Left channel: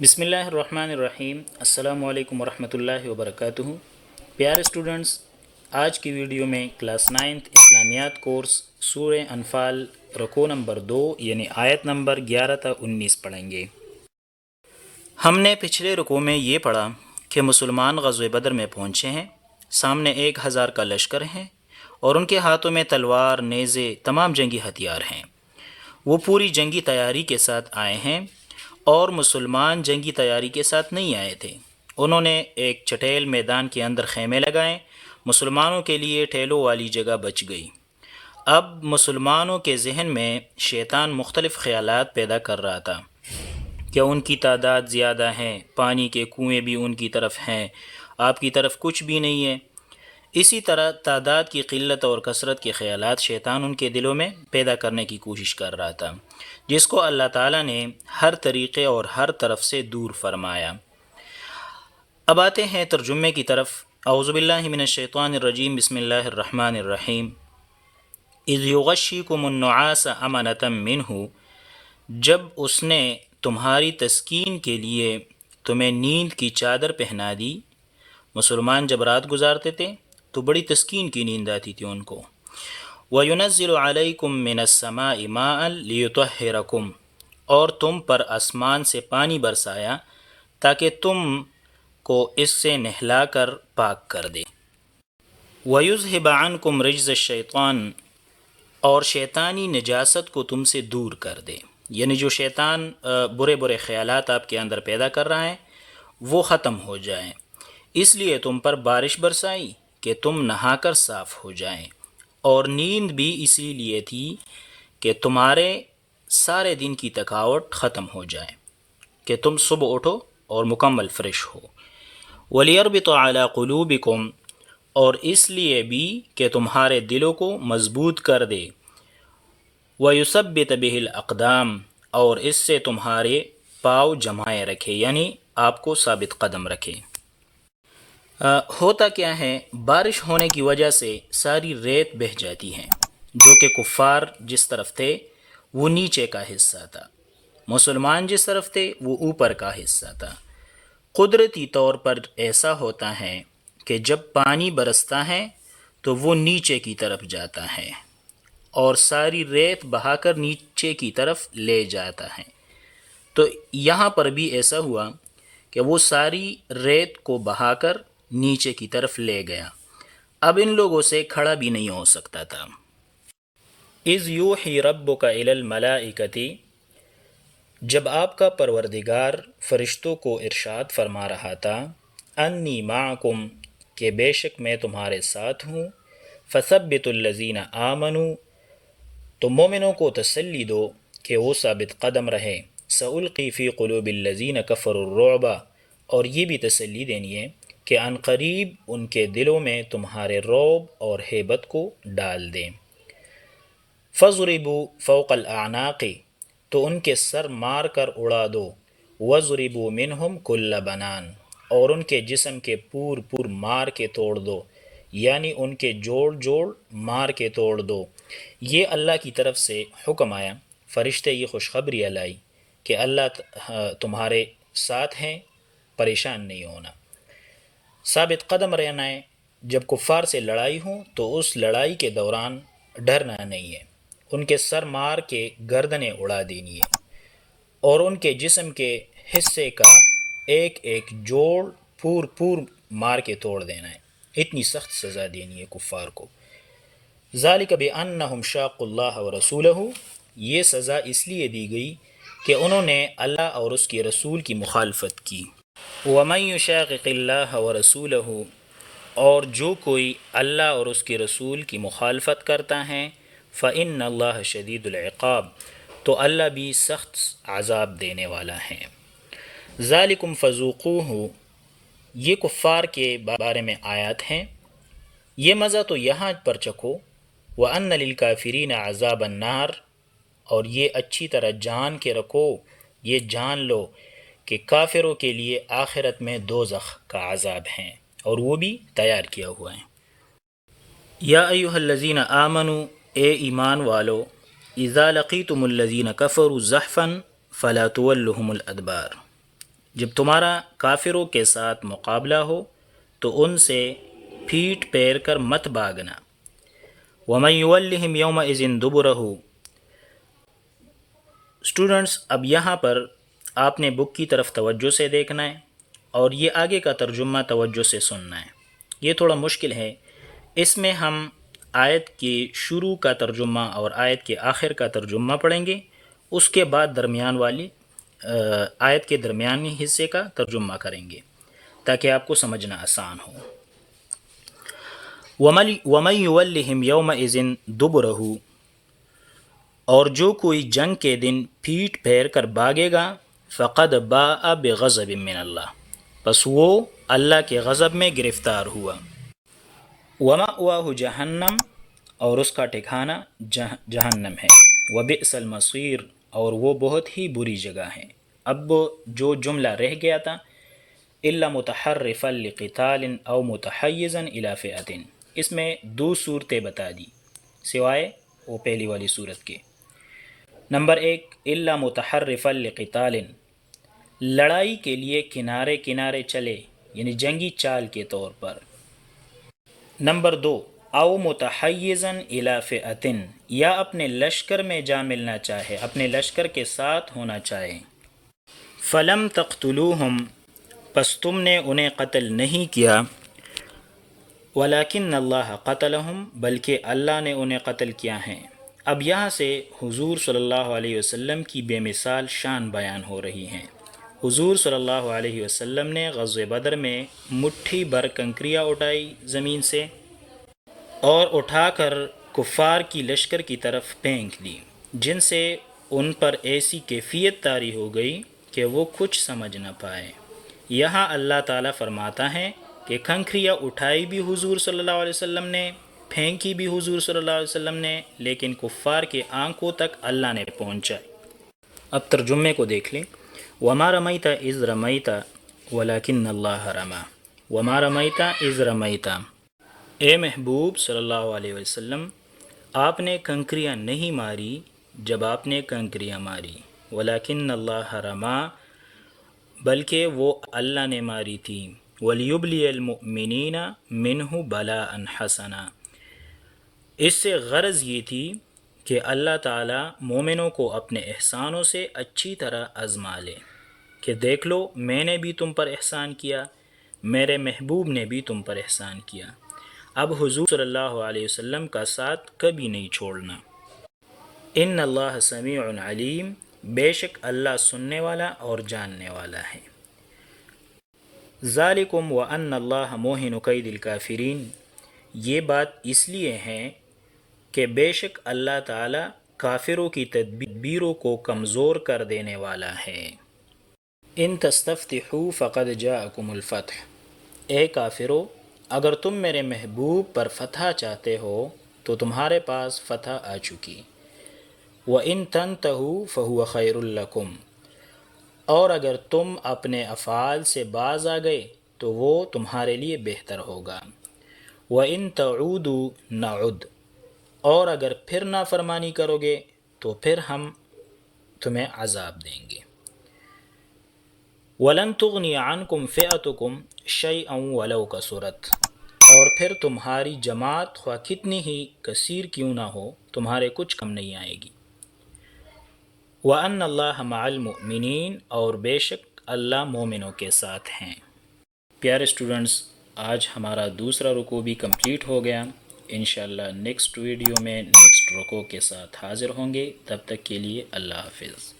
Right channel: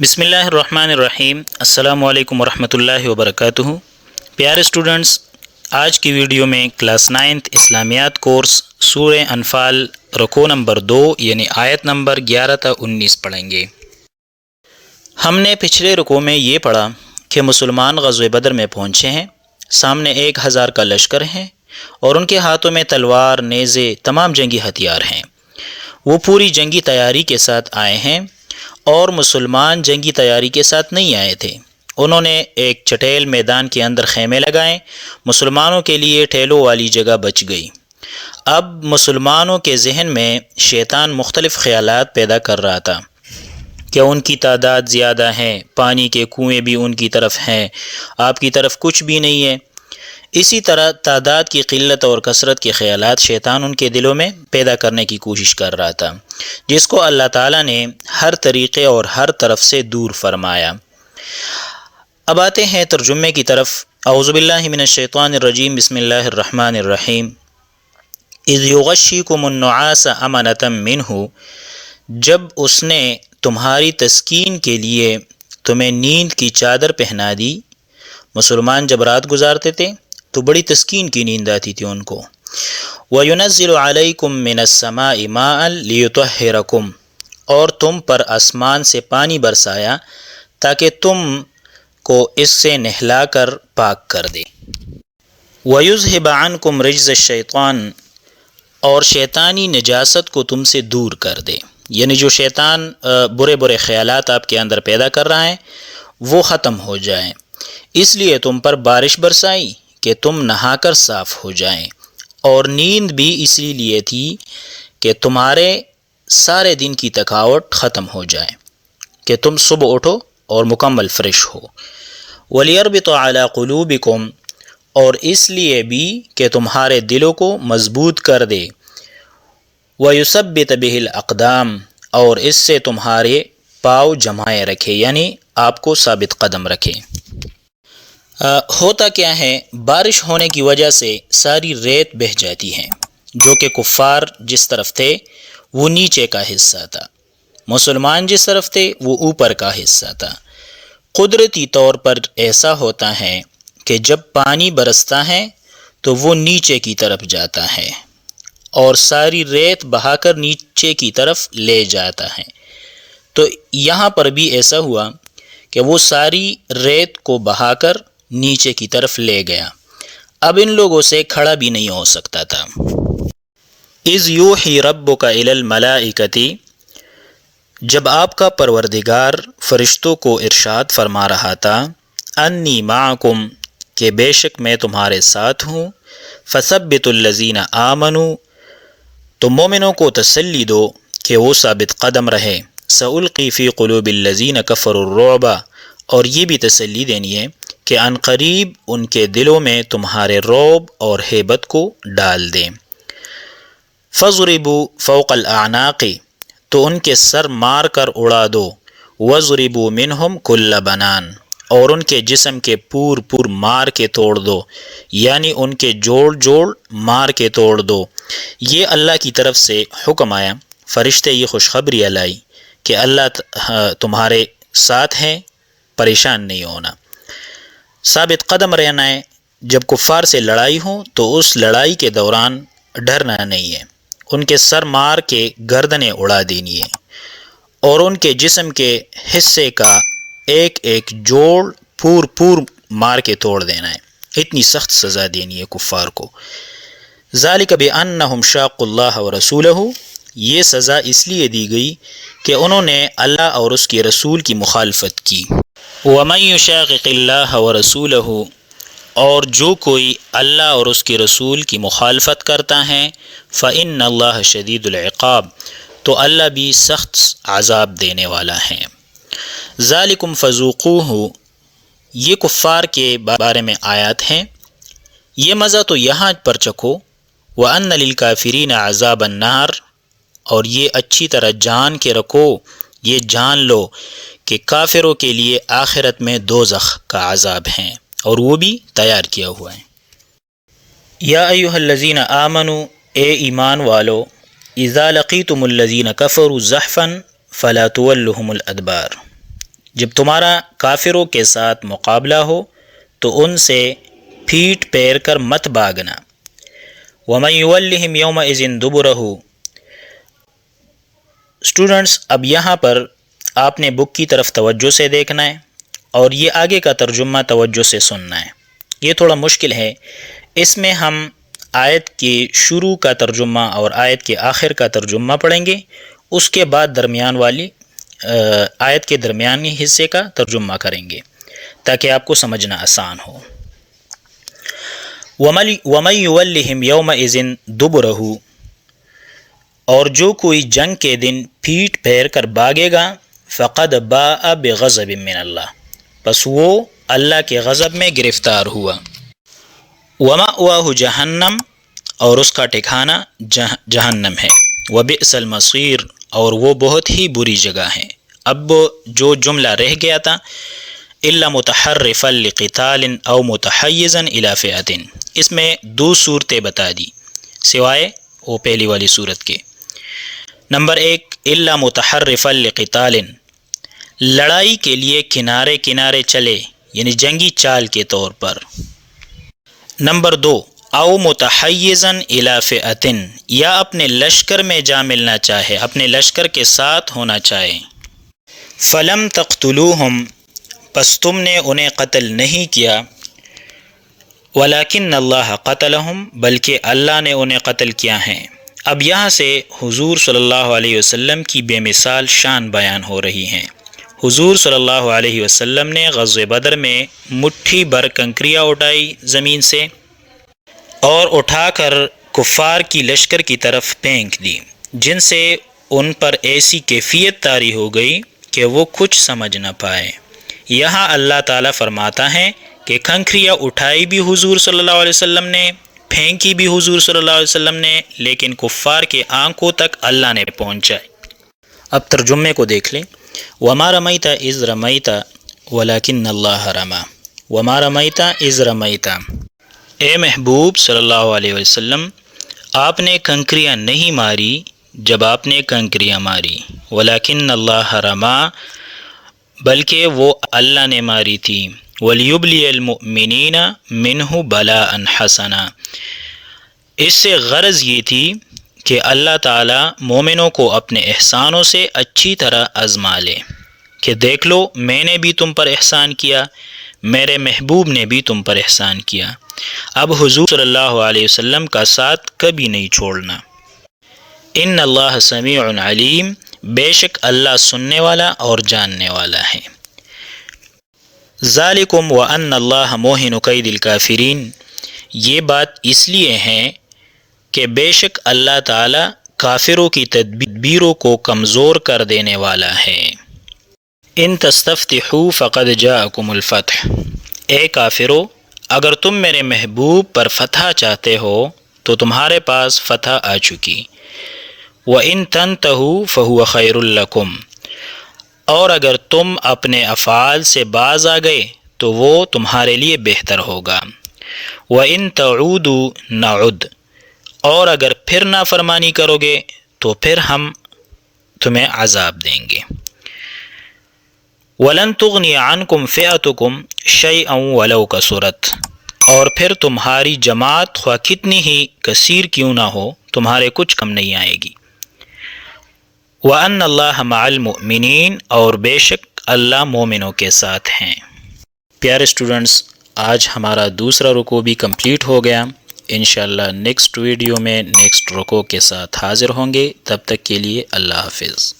بسم اللہ الرحمن الرحیم۔ السلام علیکم ورحمۃ اللہ وبرکاتہ۔ پیارے اسٹوڈنٹس، آج کی ویڈیو میں کلاس 9 اسلامیات کورس سورہ انفال رکوع نمبر 2 یعنی آیت نمبر 11 تا 19 پڑھیں گے۔ ہم نے پچھلے رکوع میں یہ پڑھا کہ مسلمان غزوہ بدر میں پہنچے ہیں، سامنے 1000 کا لشکر ہیں اور ان کے ہاتھوں میں تلوار، نیزے، تمام جنگی ہتھیار ہیں۔ وہ پوری جنگی تیاری کے ساتھ آئے ہیں اور مسلمان جنگی تیاری کے ساتھ نہیں آئے تھے۔ انہوں نے ایک چٹیل میدان کے اندر خیمے لگائے، مسلمانوں کے لیے ٹھیلوں والی جگہ بچ گئی۔ اب مسلمانوں کے ذہن میں شیطان مختلف خیالات پیدا کر رہا تھا کہ ان کی تعداد زیادہ ہے، پانی کے کنویں بھی ان کی طرف ہیں، آپ کی طرف کچھ بھی نہیں ہے۔ اسی طرح تعداد کی قلت اور کثرت کے خیالات شیطان ان کے دلوں میں پیدا کرنے کی کوشش کر رہا تھا، جس کو اللہ تعالیٰ نے ہر طریقے اور ہر طرف سے دور فرمایا۔ اب آتے ہیں ترجمے کی طرف۔ اعوذ باللہ من الشیطان الرجیم، بسم اللہ الرحمن الرحیم۔ اذ یغشیکم النعاس امنۃ منہ، جب اس نے تمہاری تسکین کے لیے تمہیں نیند کی چادر پہنا دی۔ مسلمان جب رات گزارتے تھے تو بڑی تسکین کی نیند آتی تھی ان کو۔ وَيُنَزِّلُ عَلَيْكُم مِّنَ السَّمَاءِ مَاءً لِيُطَهِّرَكُمْ، اور تم پر آسمان سے پانی برسایا تاکہ تم کو اس سے نہلا کر پاک کر دے۔ وَيُذْهِبَ عَنْكُمْ رِجْزَ الشَّيْطَانِ، اور شیطانی نجاست کو تم سے دور کر دے، یعنی جو شیطان برے برے خیالات آپ کے اندر پیدا کر رہا ہے وہ ختم ہو جائیں۔ اس لیے تم پر بارش برسائی کہ تم نہا کر صاف ہو جائیں، اور نیند بھی اسی لیے تھی کہ تمہارے سارے دن کی تھکاوٹ ختم ہو جائے، کہ تم صبح اٹھو اور مکمل فریش ہو۔ وَلِيَرْبِطَ عَلَىٰ قُلُوبِكُمْ، اور اس لیے بھی کہ تمہارے دلوں کو مضبوط کر دے۔ وَيُثَبِّتَ بِهِ الْأَقْدَامَ، اور اس سے تمہارے پاؤں جمائے رکھے، یعنی آپ کو ثابت قدم رکھے۔ ہوتا کیا ہے، بارش ہونے کی وجہ سے ساری ریت بہہ جاتی ہے، جو کہ کفار جس طرف تھے وہ نیچے کا حصہ تھا، مسلمان جس طرف تھے وہ اوپر کا حصہ تھا۔ قدرتی طور پر ایسا ہوتا ہے کہ جب پانی برستا ہے تو وہ نیچے کی طرف جاتا ہے اور ساری ریت بہا کر نیچے کی طرف لے جاتا ہے۔ تو یہاں پر بھی ایسا ہوا کہ وہ ساری ریت کو بہا کر نیچے کی طرف لے گیا، اب ان لوگوں سے کھڑا بھی نہیں ہو سکتا تھا۔ اذ یوحی ربک الی الملائکۃ، جب آپ کا پروردگار فرشتوں کو ارشاد فرما رہا تھا، انی معکم، کہ بے شک میں تمہارے ساتھ ہوں، فثبتوا الذین آمنوا، تو مومنوں کو تسلی دو کہ وہ ثابت قدم رہے۔ سألقی فی قلوب الذین کفروا الرعب، اور یہ بھی تسلی دینی ہے کہ عن قریب ان کے دلوں میں تمہارے رعب اور ہیبت کو ڈال دیں۔ فَضْرِبُوا فَوْقَ الْأَعْنَاقِ، تو ان کے سر مار کر اڑا دو۔ وَضْرِبُوا مِنْهُمْ كُلَّ بَنَانٍ، اور ان کے جسم کے پور پور مار کے توڑ دو، یعنی ان کے جوڑ جوڑ مار کے توڑ دو۔ یہ اللہ کی طرف سے حکم آیا، فرشتے یہ خوشخبری لائی کہ اللہ تمہارے ساتھ ہیں، پریشان نہیں ہونا، ثابت قدم رہنا ہے۔ جب کفار سے لڑائی ہو تو اس لڑائی کے دوران ڈرنا نہیں ہے، ان کے سر مار کے گردنیں اڑا دینی ہے اور ان کے جسم کے حصے کا ایک ایک جوڑ پور پور مار کے توڑ دینا ہے، اتنی سخت سزا دینی ہے کفار کو۔ ذالک بأنہم شاقوا اللہ ورسولہ، یہ سزا اس لیے دی گئی کہ انہوں نے اللہ اور اس کے رسول کی مخالفت کی۔ وَمَن يُشَاقِقِ اللَّهَ وَرَسُولَهُ، اور جو کوئی اللہ اور اس کے رسول کی مخالفت کرتا ہے، فَإِنَّ اللَّهَ شَدِيدُ الْعِقَابِ، تو اللہ بھی سخت عذاب دینے والا ہے۔ ذَلِكُمْ فَذُوقُوهُ، یہ کفار کے بارے میں آیات ہیں، یہ مزہ تو یہاں پر چکھو۔ وَأَنَّ لِلْكَافِرِينَ عَذَابَ النَّارِ، اور یہ اچھی طرح جان کے رکھو، یہ جان لو کہ کافروں کے لیے آخرت میں دوزخ کا عذاب ہیں اور وہ بھی تیار کیا ہوا ہے۔ یا ایھا الذین آمنوا، اے ایمان والو، اذا لقیتم الذین کفروا زحفا فلا تولوہم الادبار، جب تمہارا کافروں کے ساتھ مقابلہ ہو تو ان سے پھیٹ پھیر کر مت بھاگنا۔ وَمَن يُوَلِّهِمْ يَوْمَئِذٍ دُبُرَهُ۔ اسٹوڈنٹس، اب یہاں پر آپ نے بک کی طرف توجہ سے دیکھنا ہے اور یہ آگے کا ترجمہ توجہ سے سننا ہے۔ یہ تھوڑا مشکل ہے، اس میں ہم آیت کے شروع کا ترجمہ اور آیت کے آخر کا ترجمہ پڑھیں گے، اس کے بعد درمیان والی آیت کے درمیانی حصے کا ترجمہ کریں گے تاکہ آپ کو سمجھنا آسان ہو۔ وَمَن يُوَلِّهِمْ يَوْمَئِذٍ دُبُرَهُ، اور جو کوئی جنگ کے دن پھیٹ پھیر کر بھاگے گا، فقد باء بغضب من اللہ، پس وہ اللہ کے غضب میں گرفتار ہوا۔ وَمَأْوَاهُ جہنم، اور اس کا ٹھکانہ جہنم ہے۔ وَبِئْسَ الْمَصِيرُ، اور وہ بہت ہی بری جگہ ہے۔ اب جو جملہ رہ گیا تھا إِلَّا مُتَحَرِّفًا لِقِتَالٍ أَوْ مُتَحَيِّزًا إِلَى فِئَةٍ، اس میں دو صورتیں بتا دی سوائے وہ پہلی والی صورت کے۔ نمبر 1، إِلَّا مُتَحَرِّفًا لِقِتَالٍ، لڑائی کے لیے کنارے کنارے چلے، یعنی جنگی چال کے طور پر۔ نمبر 2، او متحیزاً الی فئۃ، یا اپنے لشکر میں جا ملنا چاہے، اپنے لشکر کے ساتھ ہونا چاہے۔ فلم تقتلوہم، پس تم نے انہیں قتل نہیں کیا، ولکن اللہ قتلہم، بلکہ اللہ نے انہیں قتل کیا ہے۔ اب یہاں سے حضور صلی اللہ علیہ وسلم کی بے مثال شان بیان ہو رہی ہیں۔ حضور صلی اللہ علیہ وسلم نے غزوہ بدر میں مٹھی بھر کنکریاں اٹھائی زمین سے اور اٹھا کر کفار کی لشکر کی طرف پھینک دی، جن سے ان پر ایسی کیفیت طاری ہو گئی کہ وہ کچھ سمجھ نہ پائے۔ یہاں اللہ تعالیٰ فرماتا ہے کہ کنکریاں اٹھائی بھی حضور صلی اللہ علیہ وسلم نے، پھینکی بھی حضور صلی اللہ علیہ وسلم نے، لیکن کفار کے آنکھوں تک اللہ نے پہنچائے۔ اب ترجمے کو دیکھ لیں۔ وَمَا رَمَيْتَ إِذْ رَمَيْتَ وَلَكِنَّ اللَّهَ رَمَى، وَمَا رَمَيْتَ إِذْ رَمَيْتَ، اے محبوب صلی اللہ علیہ وسلم، آپ نے کنکریاں نہیں ماری جب آپ نے کنکریاں ماری، وَلَكِنَّ اللَّهَ رَمَى، بلکہ وہ اللہ نے ماری تھی، وَلِيُبْلِيَ الْمُؤْمِنِينَ مِنْهُ بَلَاءً حَسَنًا، اس سے غرض یہ تھی کہ اللہ تعالیٰ مومنوں کو اپنے احسانوں سے اچھی طرح آزما لے، کہ دیکھ لو میں نے بھی تم پر احسان کیا، میرے محبوب نے بھی تم پر احسان کیا۔ اب حضور صلی اللہ علیہ وسلم کا ساتھ کبھی نہیں چھوڑنا۔ ان اللہ سمیع علیم، بے شک اللہ سننے والا اور جاننے والا ہے۔ ذالکم وان اللہ موہن کید الکافرین، یہ بات اس لیے ہے کہ بے شک اللہ تعالیٰ کافروں کی تدبیروں کو کمزور کر دینے والا ہے۔ ان تستفتحوا فقد جاءکم الفتح، اے کافرو، اگر تم میرے محبوب پر فتح چاہتے ہو تو تمہارے پاس فتح آ چکی۔ وَإِن تَنْتَهُوا فَهُوَ خَيْرٌ لَكُمْ، اور اگر تم اپنے افعال سے باز آ گئے تو وہ تمہارے لیے بہتر ہوگا۔ وَإِن تَعُودُوا نَعُدْ، اور اگر پھر نافرمانی کرو گے تو پھر ہم تمہیں عذاب دیں گے۔ وَلَن تُغْنِيَ عَنْكُمْ فِئَتُكُمْ شَيْئًا وَلَوْ كَثُرَتْ، اور پھر تمہاری جماعت خواہ کتنی ہی کثیر کیوں نہ ہو تمہارے کچھ کم نہیں آئے گی۔ وَأَنَّ اللَّهَ مَعَ الْمُؤْمِنِينَ، اور بے شک اللہ مومنوں کے ساتھ ہیں۔ پیارے اسٹوڈنٹس، آج ہمارا دوسرا رکوع بھی کمپلیٹ ہو گیا۔ انشاءاللہ نیکسٹ ویڈیو میں نیکسٹ رکوع کے ساتھ حاضر ہوں گے، تب تک کے لیے اللہ حافظ۔